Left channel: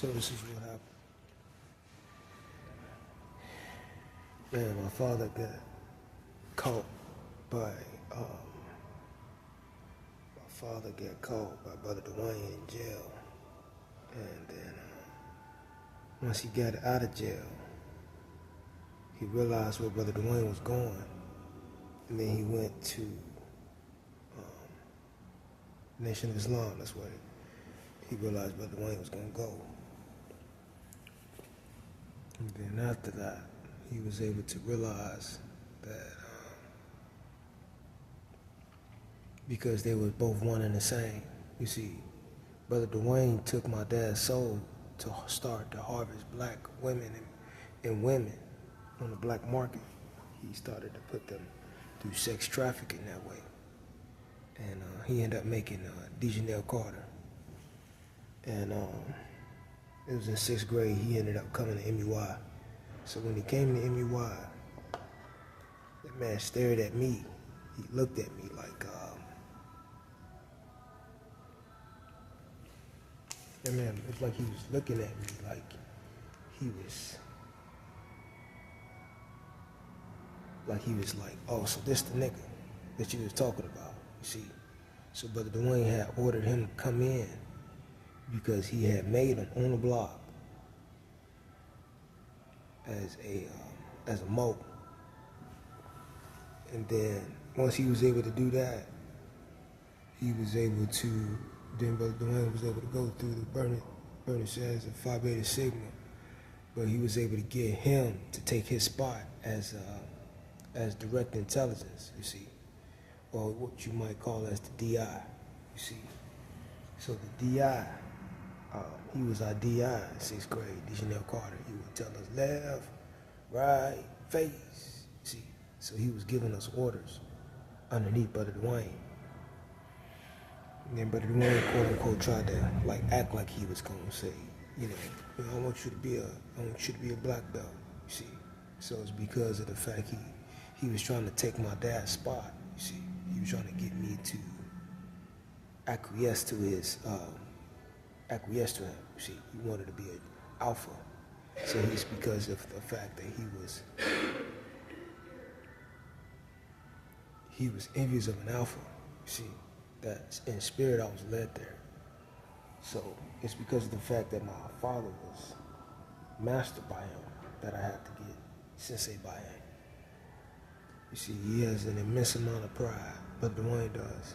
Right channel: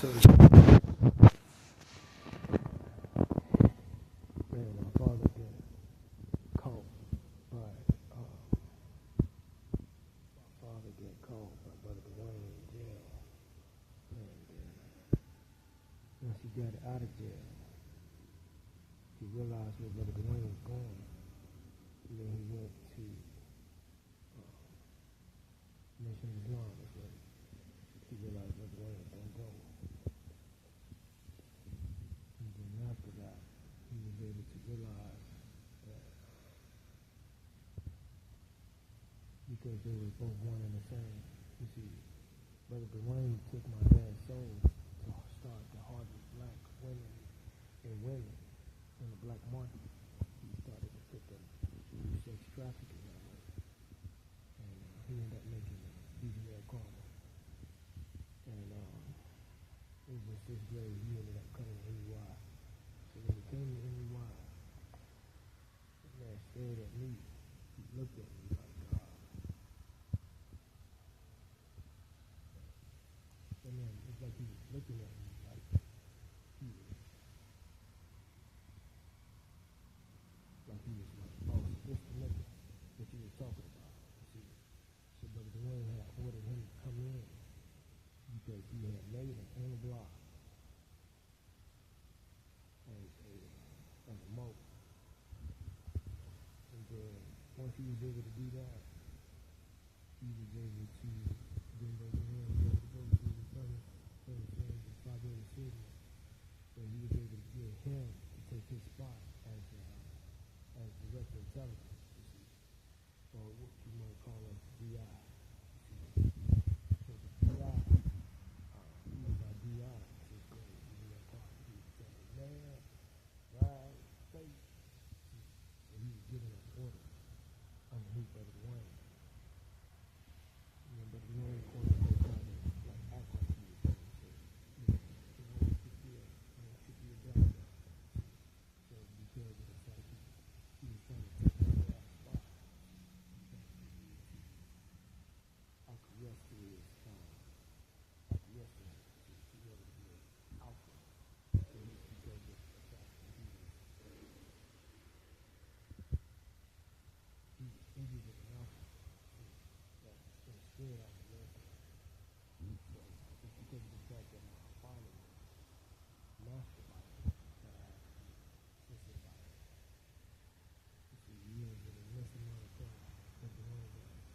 So, man, my father got caught by, Brother Dwayne in jail. And then, once he got out of jail, he realized where Brother Dwayne was going. And then he went to Nation of Islam. That's where he realized Brother Dwayne was going to go. And then after that, he was able to realize that because they were both one and the same. You see, Brother Dwayne took my dad's soul to start to harvest black women and women on the black market. He started to put them through sex trafficking that way. And he ended up making Dejanelle Carter. And it was in 6th grade, he ended up coming to MUI. So when he came to MUI, that man stared at me. He looked at me like, that man, it's like he was looking at me like he was like, oh, so this the nigga that you was talking about, you see. So Brother Dwayne had ordered him to come in because he had made him on the block as a mo. And then once he was able to do that, then Brother Dwayne was able to go through the Bernie Sanders and Phi Beta Sigma, but he was able to get him to take his spot as direct intelligence, you see, or what you might call as the DI, you see. So the DI, he was our DI in 6th grade, Dejanelle Carter. He would tell us left, right, face, you see. So he was giving us orders underneath Brother Dwayne. And then Brother Dwayne, quote unquote, tried to act like he was gonna say, I want you to be a black belt, you see. So it's because of the fact he was trying to take my dad's spot, you see. He was trying to get me to acquiesce to him, you see. He wanted to be an alpha. So it's because of the fact that he was envious of an alpha, you see. That in spirit I was led there. So it's because of the fact that my father was mastered by him that I had to get sensei by him. You see, he has an immense amount of pride, but Dwayne does.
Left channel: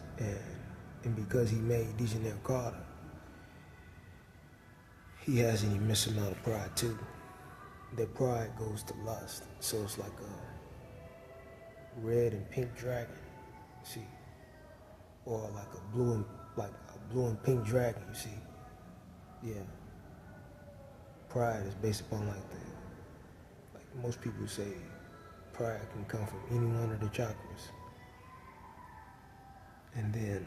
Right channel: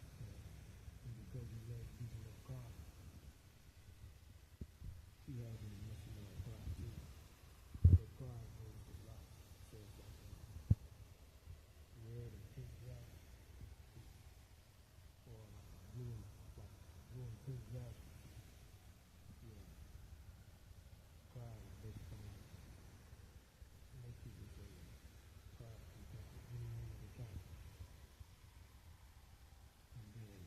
And because he made Dejanelle Carter, he has an immense amount of pride too. That pride goes to lust. So it's like a red and pink dragon, see? Or like a blue and pink dragon, you see? Yeah. Pride is based upon like most people say pride can come from any one of the chakras. And then,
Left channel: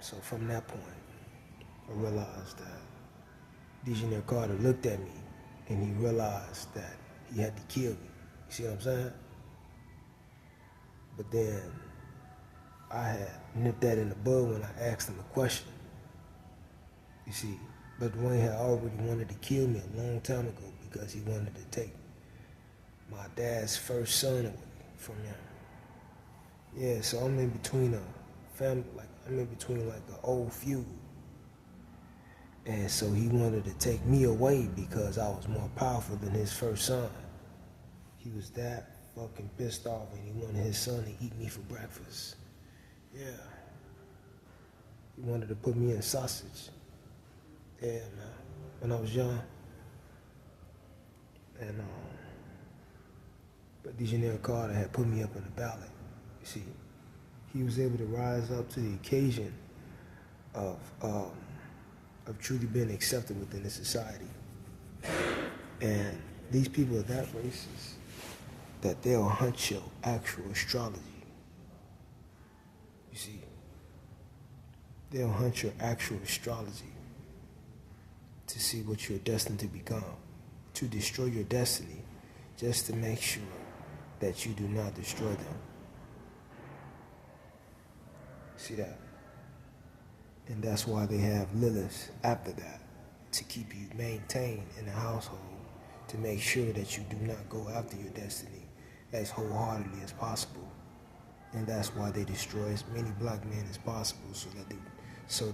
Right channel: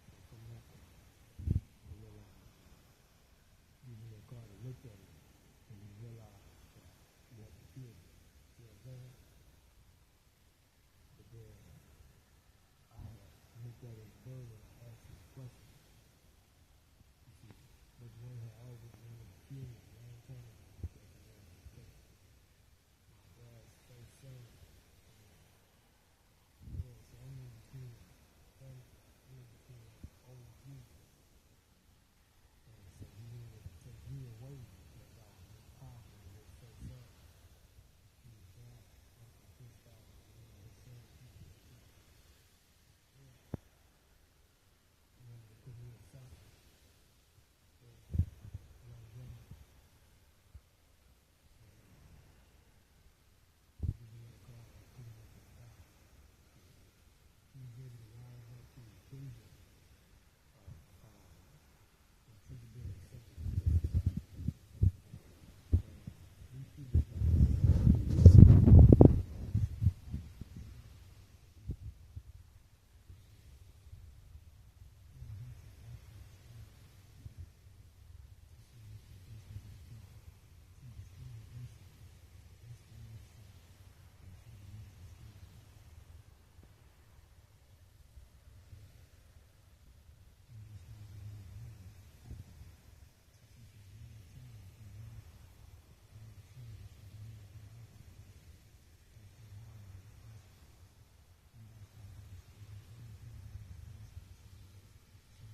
so from that point, I realized that Dejanelle Carter looked at me and he realized that he had to kill me. You see what I'm saying? But then I had nipped that in the bud when I asked him a question. You see, but Dwayne had already wanted to kill me a long time ago because he wanted to take my dad's first son away from him. Yeah, so I'm in between a family, I'm in between an old feud. And so he wanted to take me away because I was more powerful than his first son. He was that fucking pissed off and he wanted his son to eat me for breakfast. Yeah. He wanted to put me in sausage. Yeah, man. When I was young. And but Dejanelle Carter had put me up in the ballot. You see, he was able to rise up to the occasion of truly being accepted within the society. And these people are that racist that they'll hunt your actual astrology. You see, they'll hunt your actual astrology to see what you're destined to become, to destroy your destiny, just to make sure that you do not destroy them. See that? And that's why they have Lilith after that, to keep you maintain in the household to make sure that you do not go after your destiny as wholeheartedly as possible. And that's why they destroy as many black men as possible, so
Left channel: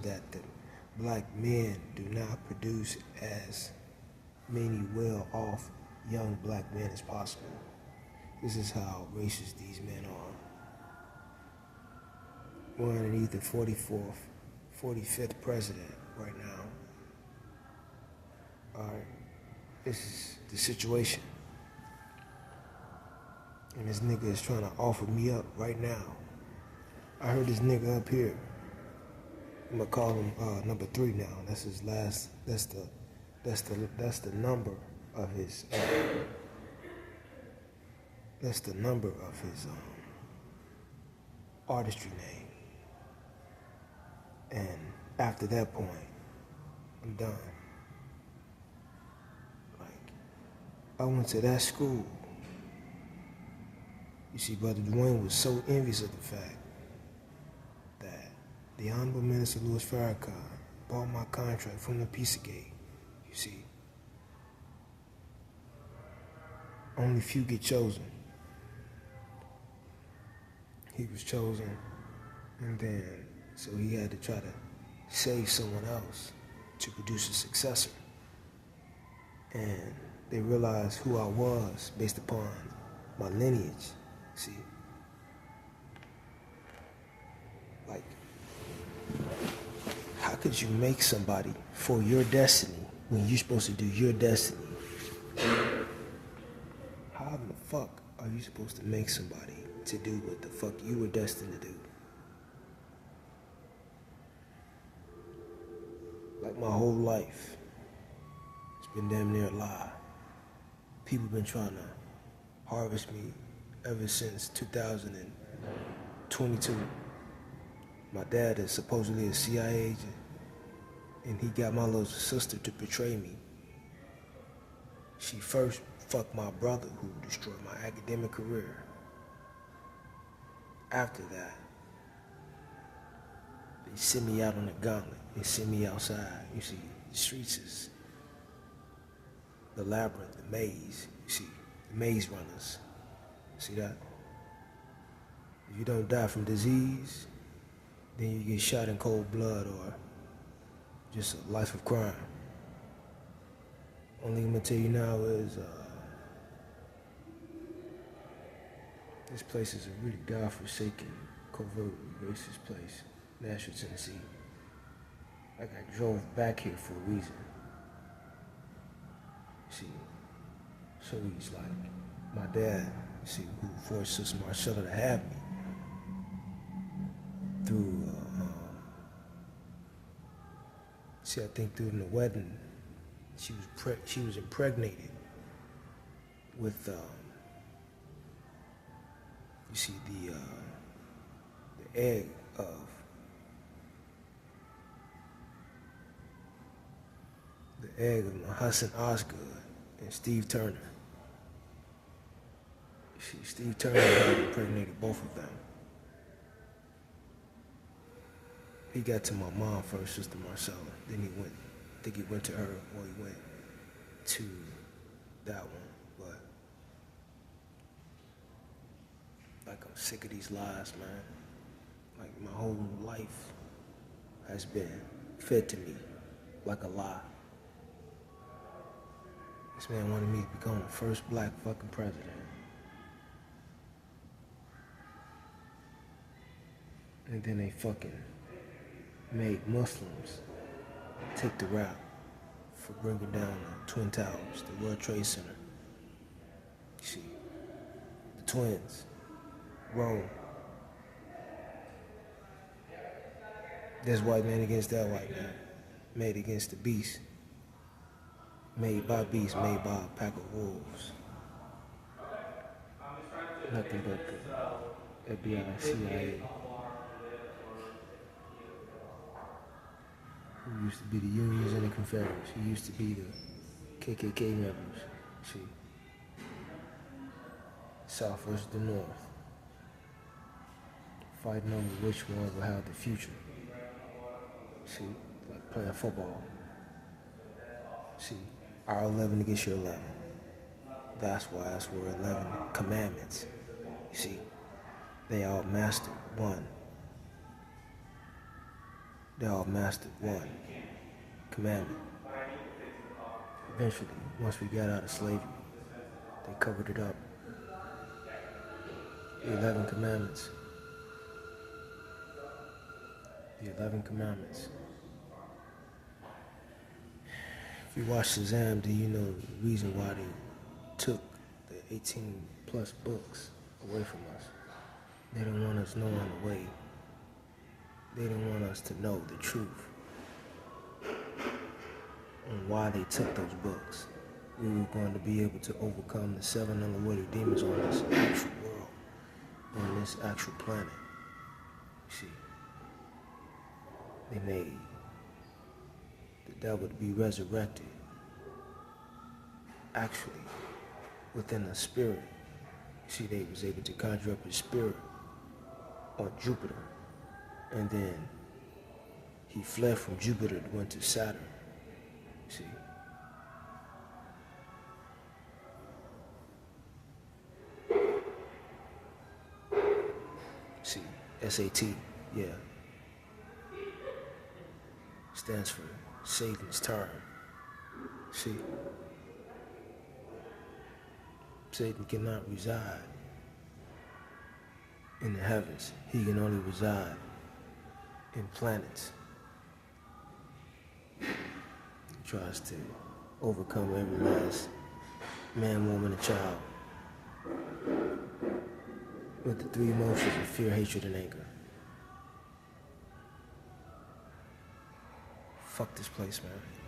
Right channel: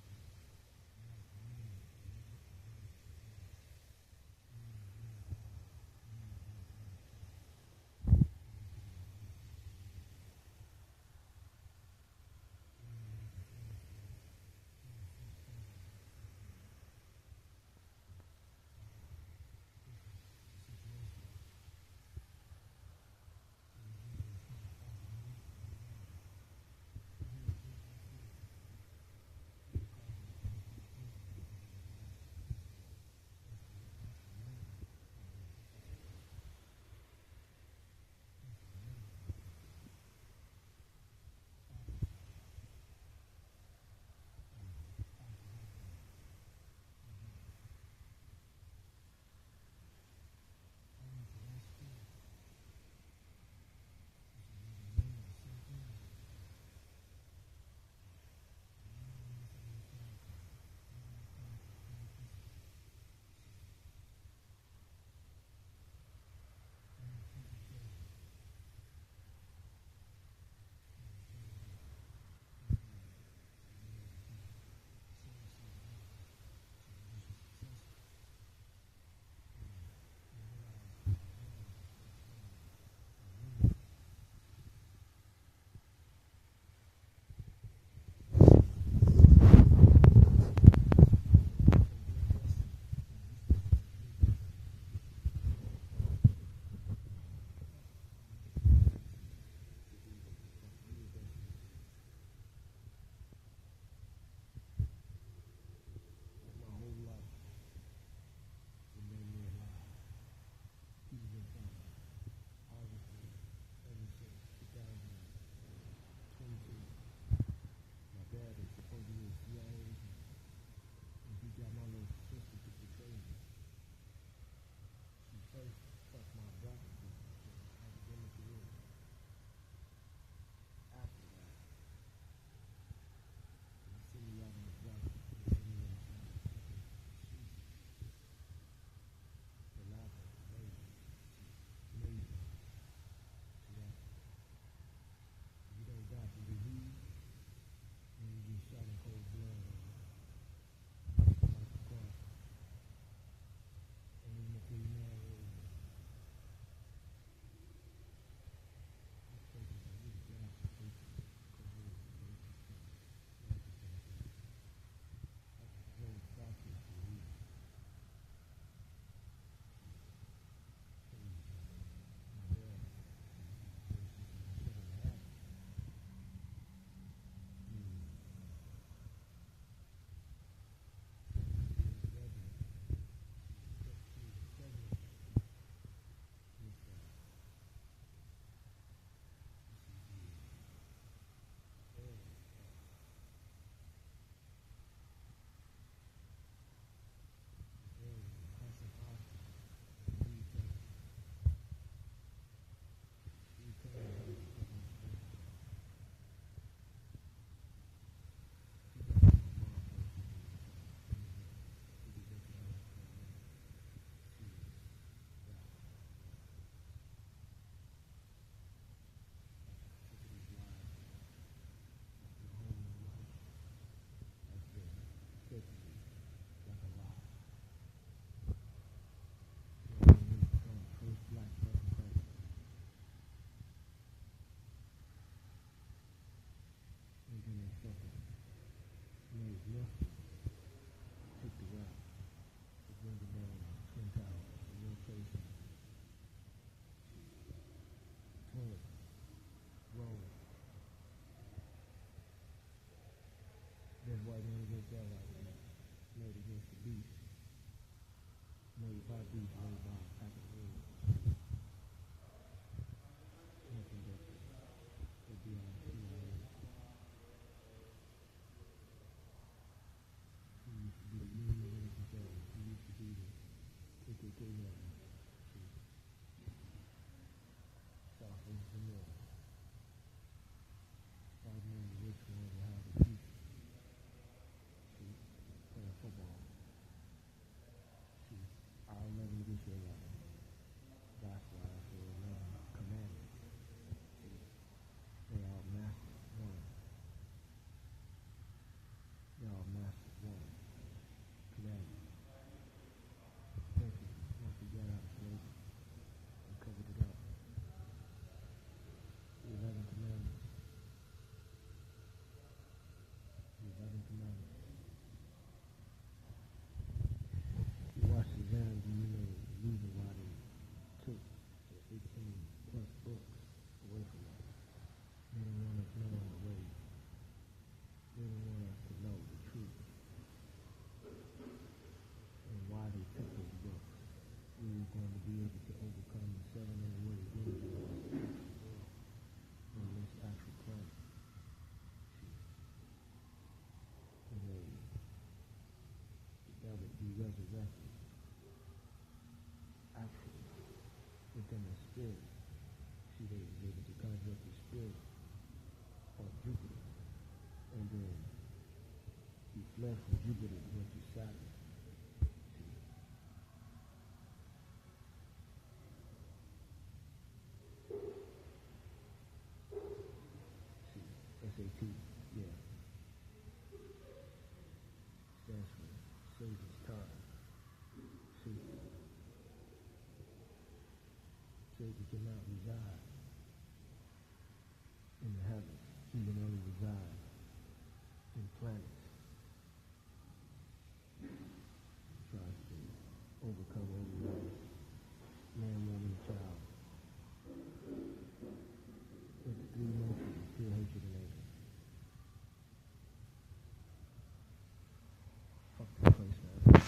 that the black men do not produce as many well-off young black men as possible. This is how racist these men are. We're underneath the 45th president right now. Alright, this is the situation. And this nigga is trying to offer me up right now. I heard this nigga up here. I'm gonna call him number 3 now. That's his last. That's the number of his. That's the number of his artistry name. And after that point, I'm done. Like, I went to that school. You see, Brother Dwayne was so envious of the fact that the Honorable Minister Louis Farrakhan bought my contract from the Pizzagate. You see, only few get chosen. He was chosen, and then so he had to try to save someone else to produce a successor. And they realized who I was based upon my lineage. See, like, how could you make somebody for your destiny when you're supposed to do your destiny? How in the fuck are you supposed to make somebody to do what the fuck you were destined to do? Like, my whole life, it's been damn near a lie. People been trying to harvest me ever since 2022. My dad is supposedly a CIA agent, and he got my little sister to betray me. She first fucked my brother, who destroyed my academic career. After that, they sent me out on the gauntlet. They sent me outside. You see, the streets is the labyrinth, the maze. You see, the maze runners. See that? If you don't die from disease, then you get shot in cold blood or just a life of crime. Only I'm gonna tell you now is this place is a really godforsaken, covert, racist place, Nashville, Tennessee. Like, I drove back here for a reason. See, so he's like, my dad, see, who forced Sister Marcella to have me through, see, I think during the wedding, she was impregnated with, you see, the egg of Hassan Osgood and Steve Turner. See, Steve Turner had impregnated both of them. He got to my mom first, Sister Marcella. Then he went, I think he went to her, or he went to that one. But, like, I'm sick of these lies, man. Like, my whole life has been fed to me like a lie. This man wanted me to become the first black fucking president. And then they fucking made Muslims take the rap for bringing down the Twin Towers, the World Trade Center. You see, the twins, Rome. This white man against that white man, made against the beast. Made by beasts, made by a pack of wolves. Nothing but the FBI, CIA. Who used to be the Unions and the Confederates. Who used to be the KKK members. See? South versus the North. Fighting over which one will have the future. See? Like playing football. See, our 11 against your 11. That's why we're 11 commandments. You see, they all mastered one. They all mastered one commandment. Eventually, once we got out of slavery, they covered it up. The 11 commandments. The 11 commandments. If you watch Shazam, do you know the reason why they took the 18 plus books away from us? They don't want us knowing the way. They don't want us to know the truth on why they took those books. We were going to be able to overcome the 7 unrewarded demons on this actual world, on this actual planet. See, they made the devil to be resurrected, actually, within the spirit. See, they was able to conjure up his spirit on Jupiter, and then he fled from Jupiter and went to Saturn. See, SAT, yeah, stands for Satan's turn. See, Satan cannot reside in the heavens. He can only reside in planets. He tries to overcome every last man, woman, and child with the 3 emotions of fear, hatred, and anger. Fuck this place, man.